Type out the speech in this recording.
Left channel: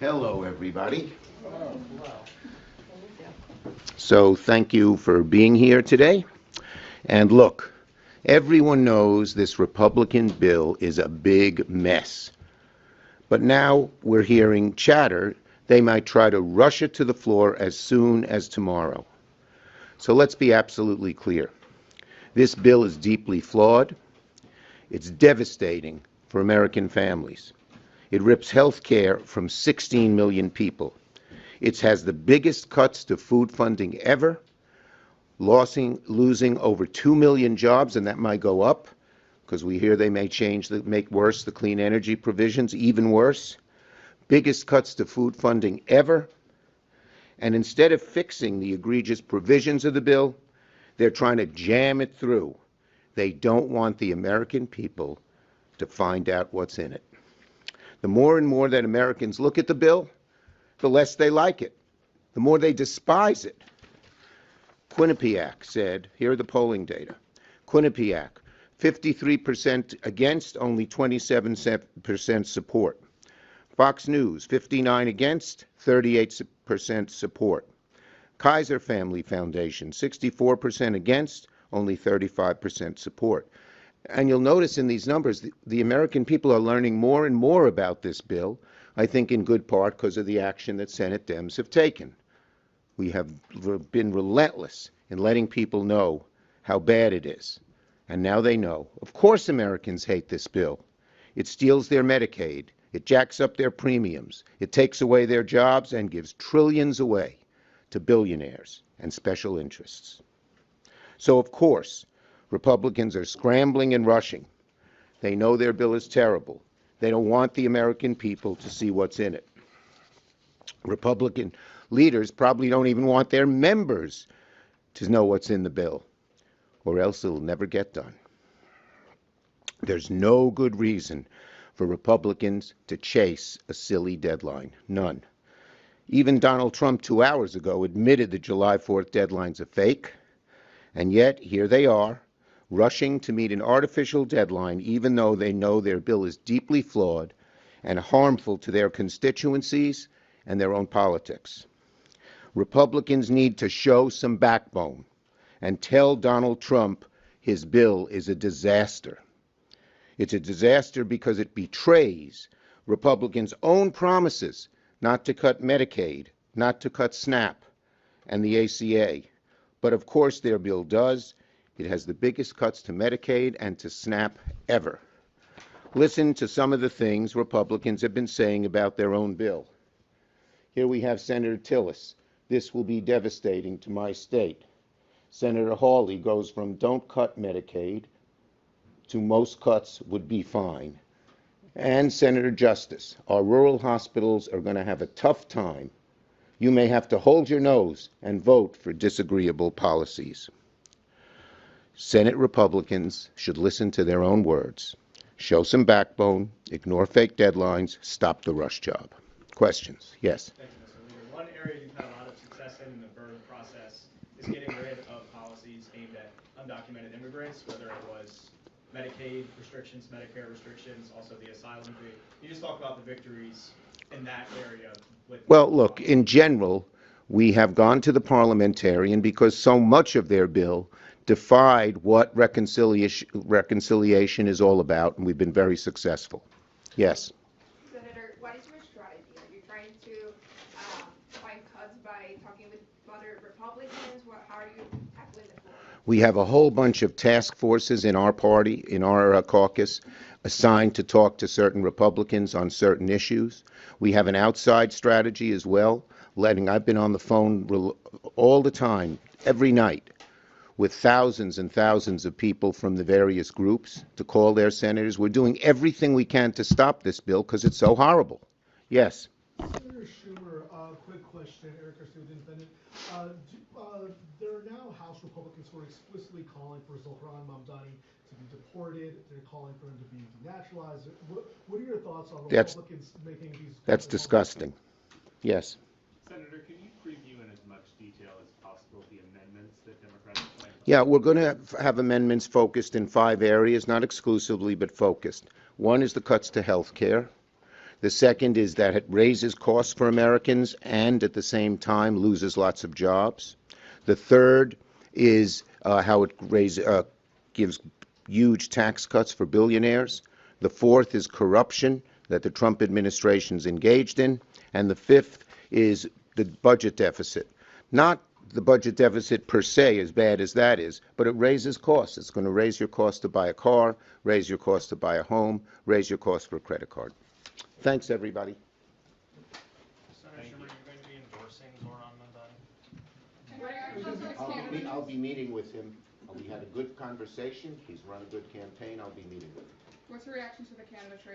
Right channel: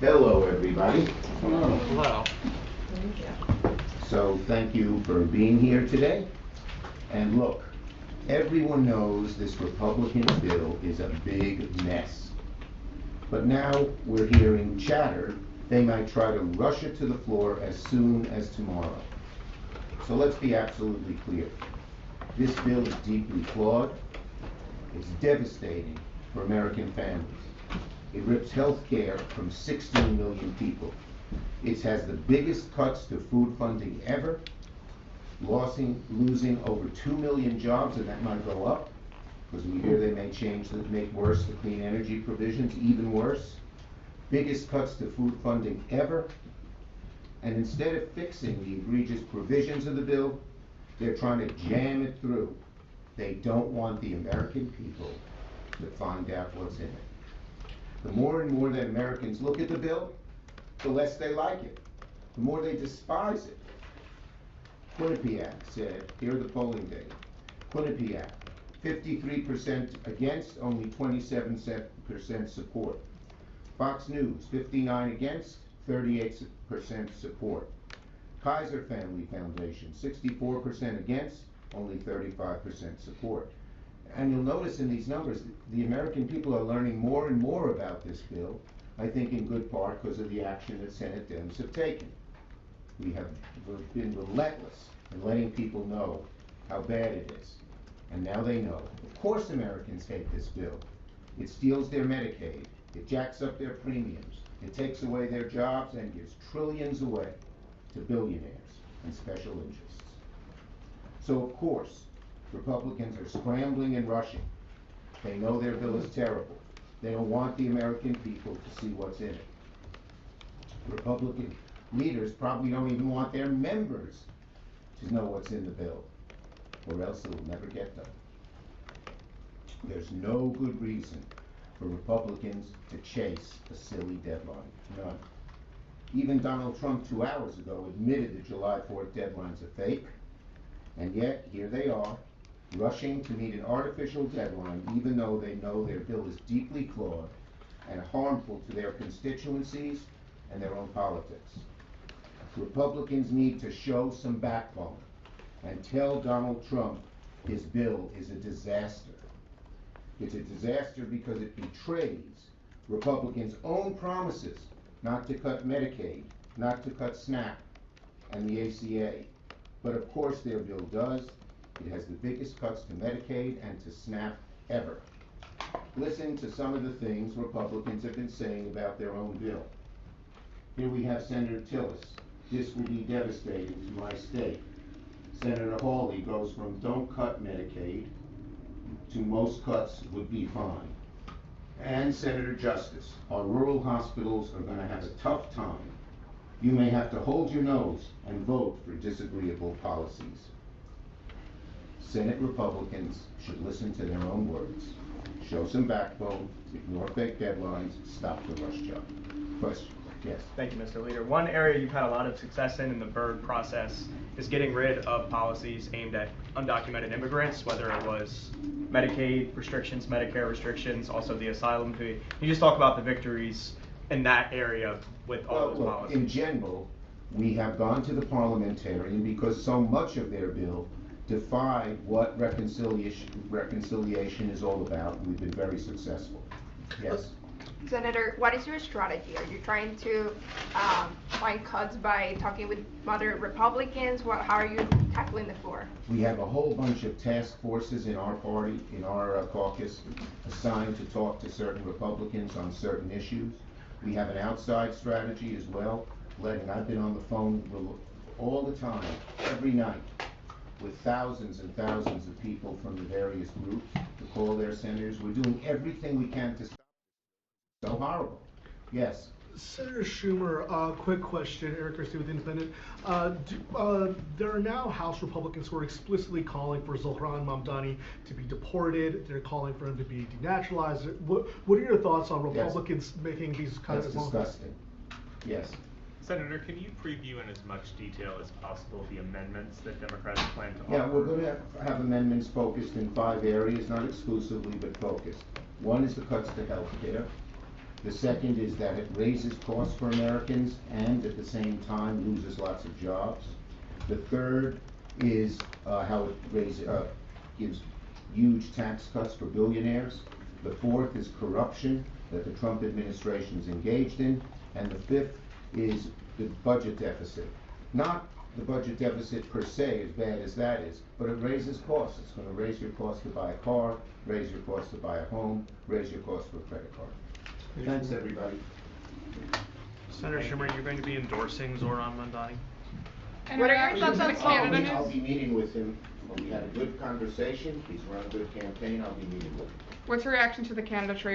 Hello, everybody. Hello. So thank you for being here today. And look, everyone knows this Republican bill is a big mess. But now we're hearing chatter they might try to rush it to the floor as soon as tomorrow. So let's be absolutely clear. This bill is deeply flawed. It's devastating for American families. It rips health care from 16 million people. It has the biggest cuts to food funding ever, losing over 2 million jobs, and that might go up, because we hear they may make worse the clean energy provisions, even worse. Biggest cuts to food funding ever. And instead of fixing the egregious provisions of the bill, they're trying to jam it through. They don't want the American people to find out what's in it. The more and more that Americans look at the bill, the less they like it, the more they despise it. Quinnipiac said, here are the polling data. Quinnipiac, 53% against, only 27% support. Fox News, 59 against, 38% support. Kaiser Family Foundation, 64% against, only 35% support. And you'll notice in these numbers, the American people are learning more and more about this bill, I think in good part because of the action that Senate Dems have taken. We have been relentless in letting people know how bad it is. And now they know. Of course Americans hate this bill. It steals their Medicaid. It jacks up their premiums. It takes away their jobs and gives trillions away to billionaires and special interests. So of course, Republicans are scrambling and rushing. They know their bill is terrible. They don't want the American people to see what's in it. Republican leaders probably don't even want their members to know what's in the bill, or else it'll never get done. There's no good reason for Republicans to chase a silly deadline. None. Even Donald Trump 2 hours ago admitted the July 4th deadline's a fake, and yet here they are, rushing to meet an artificial deadline even though they know their bill is deeply flawed and harmful to their constituencies and their own politics. Republicans need to show some backbone and tell Donald Trump his bill is a disaster. It's a disaster because it betrays Republicans' own promises not to cut Medicaid, not to cut SNAP and the ACA. But of course their bill does. It has the biggest cuts to Medicaid and to SNAP ever. Listen to some of the things Republicans have been saying about their own bill. Here we have Senator Tillis. This will be devastating to my state. Senator Hawley goes from don't cut Medicaid to most cuts would be fine. And Senator Justice, our rural hospitals are going to have a tough time. You may have to hold your nose and vote for disagreeable policies. Senate Republicans should listen to their own words, show some backbone, ignore fake deadlines, stop the rush job. Questions? Yes. Thank you, Mr. Leader. One area you've had a lot of success in the BIRD process is getting rid of policies aimed at undocumented immigrants, whether it was Medicaid restrictions, Medicare restrictions, also the asylum fee. Can you just talk about the victories in that area with Well, look, in general, we have gone to the parliamentarian because so much of their bill defied what reconciliation is all about, and we've been very successful. Yes. Senator, what is your strategy? Are you trying to find cuts by talking with moderate Republicans? How are you tackling the floor? We have a whole bunch of task forces in our party, in our caucus, assigned to talk to certain Republicans on certain issues. We have an outside strategy as well, I've been on the phone all the time, every night, with thousands and thousands of people from the various groups to call their senators. We're doing everything we can to stop this bill because it's so horrible. Yes. Senator Schumer, quick question. Eric Christie with Independent. There are now House Republicans who are explicitly calling for Zohran Mamdani to be deported. They're calling for him to be denaturalized. What are your thoughts on Republicans making these kinds That's disgusting. Yes. Senator, can you preview in as much detail as possible the amendments that Democrats plan to Yeah, offer? we're going to have amendments focused in 5 areas, not exclusively, but focused. One is the cuts to health care. The second is that it raises costs for Americans and at the same time loses lots of jobs. The third is how it gives huge tax cuts for billionaires. The fourth is corruption that the Trump administration's engaged in. And the fifth is the budget deficit. Not the budget deficit per se, as bad as that is, but it raises costs. It's going to raise your cost to buy a car, raise your cost to buy a home, raise your cost for a credit card. Thanks, everybody. Senator Schumer, you're going to be endorsing Zohran Mamdani? And what are your thoughts on Canada? I'll be meeting with him. We had a good conversation. He's run a good campaign. I'll be meeting with him. What's your reaction to the Canada trade